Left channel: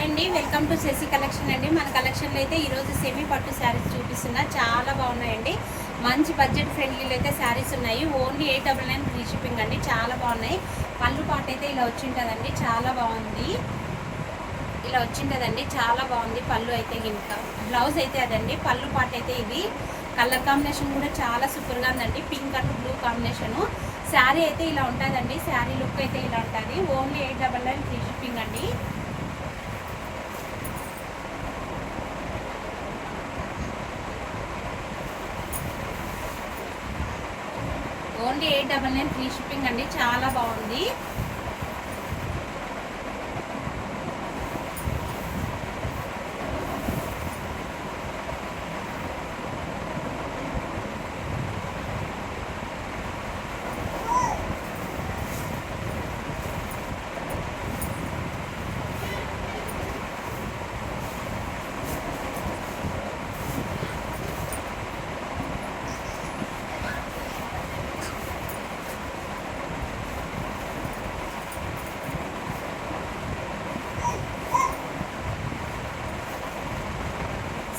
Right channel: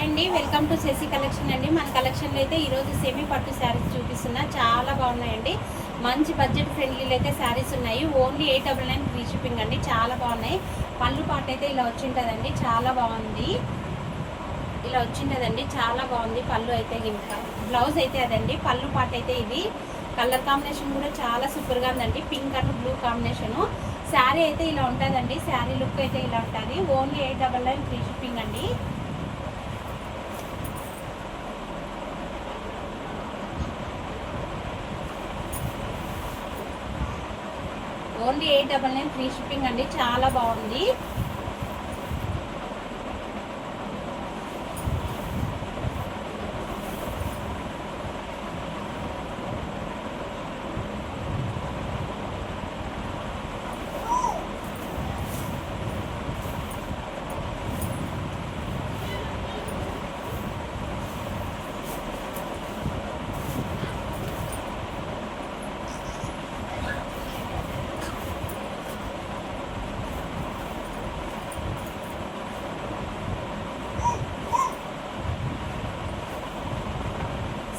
Hi అండి, welcome to Shashi collection అండి. మన కలెక్షన్లో అయితే ఈరోజు సెమీ పట్టు శారీస్ చూపిస్తున్నా. చాలా బాగున్నాయండి. మంచి బడ్జెట్ ఫ్రెండ్లీలో అయితే శారీస్ ఉన్నాయి. ఓన్లీ 899 ఫ్రీ షిప్పింగ్ అండి. చాలా బాగున్నాయి. పళ్ళు పాట అయితే ఇలా వచ్చింటుందండి. చాలా బాగుంది. ఇలా వచ్చింటుందండి. చాలా బాగుంది. పళ్ళు అయితే ఇంకా బ్లౌజ్ అయితే అదండి. పళ్ళు పాట అయితే ఇది. కలర్ కాంబినేషన్ కూడా చాలా సూపర్గా ఉందండి. Pink and blue combination. Sari అయితే ఇలా ఉంటుందండి. శారీ లుక్ అయితే ఇలా ఉంటుంది. ఓన్లీ 899 ఫ్రీ షిప్పింగ్ అండి. ఓన్లీ 899 ఫ్రీ షిప్పింగ్ అండి. చాలా బాగుంది.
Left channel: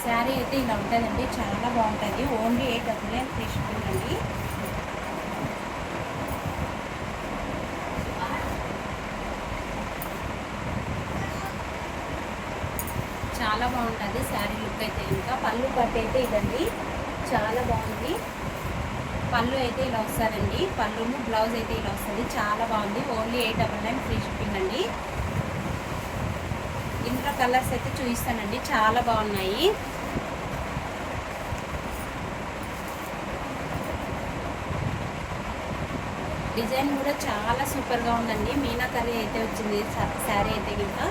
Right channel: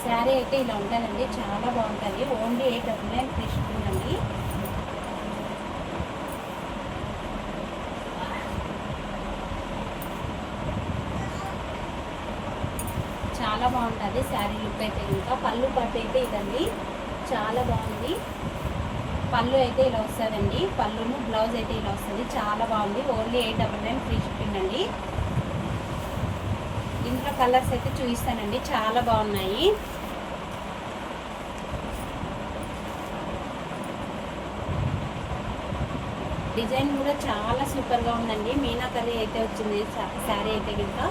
శారీ అయితే ఇలా ఉంటుందండి. చాలా బాగుంటుంది. ఓన్లీ 899 ఫ్రీ షిప్పింగ్ అండి. చాలా బాగుంటుంది శారీ లుక్ అయితే. ఇంకా పళ్ళు కట్ అయితే ఇదండి. చాలా బాగుంది. పళ్ళు అయితే ఇలా వస్తుందండి. పళ్ళును బ్లౌజ్ అయితే ఇలా వస్తుంది. చాలా బాగుంది. ఓన్లీ 899 ఫ్రీ షిప్పింగ్ అండి. ఇంట్లో కలర్స్ అయితే చూపిస్తానండి. చాలా బాగున్నాయి. డిజైన్ కూడా చాలా సూపర్గా ఉందండి. మీనా కర్రీ అయితే వచ్చింది శారీ అయితే ఇంకా.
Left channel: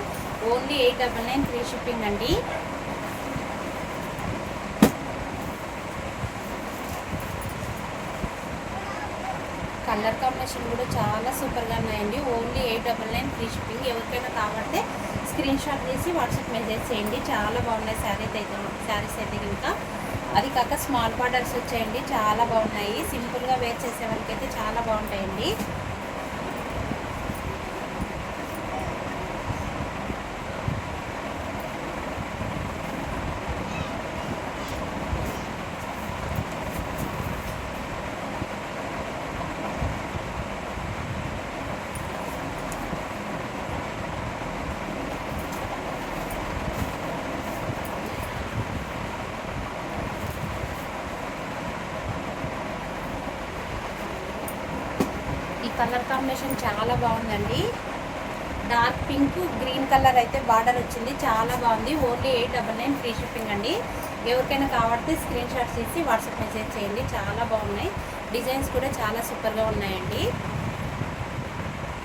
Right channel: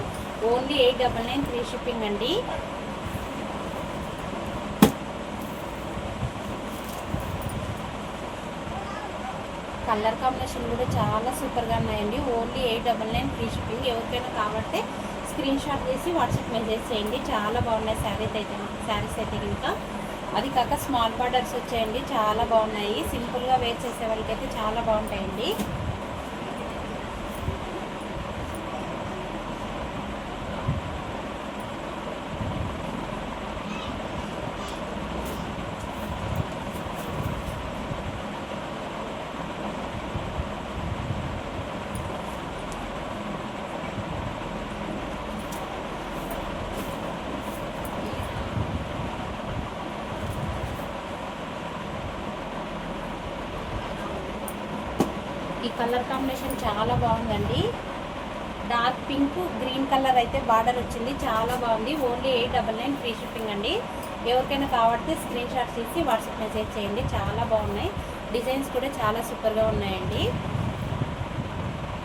ఓన్లీ 899 ఫ్రీ షిప్పింగ్ అండి. కలర్ కాంబినేషన్ కూడా చాలా సూపర్గా ఉన్నాయండి. Only 899 free shipping. ఎవరికైనా కావాలంటే స్క్రీన్ షాట్ చేసి వాట్సాప్ మెసేజ్ చేయండి. చాలా బాగున్నాయి శారీస్ అయితే ఇంకా. అది కాక స్మాల్ బార్డర్స్ వచ్చాయండి. చాలా బాగున్నాయి. సింపుల్గా వేర్ చేసే వాళ్ళకైతే చాలా బాగుంటాయండి. ఈ కలర్ కాంబినేషన్ చాలా బాగుందండి. డార్క్ పింక్ గ్రీన్ కలర్ అయితే బార్డర్ వచ్చింది. చాలా బాగుంది. ఓన్లీ 899 ఫ్రీ షిప్పింగ్ అండి. ఎవరికైనా కావాలంటే స్క్రీన్ షాట్ చేసి వాట్సాప్ మెసేజ్ చేయండి. చాలా బాగున్నాయి. డిజైన్స్ కూడా చాలా సూపర్గా ఉన్నాయండి.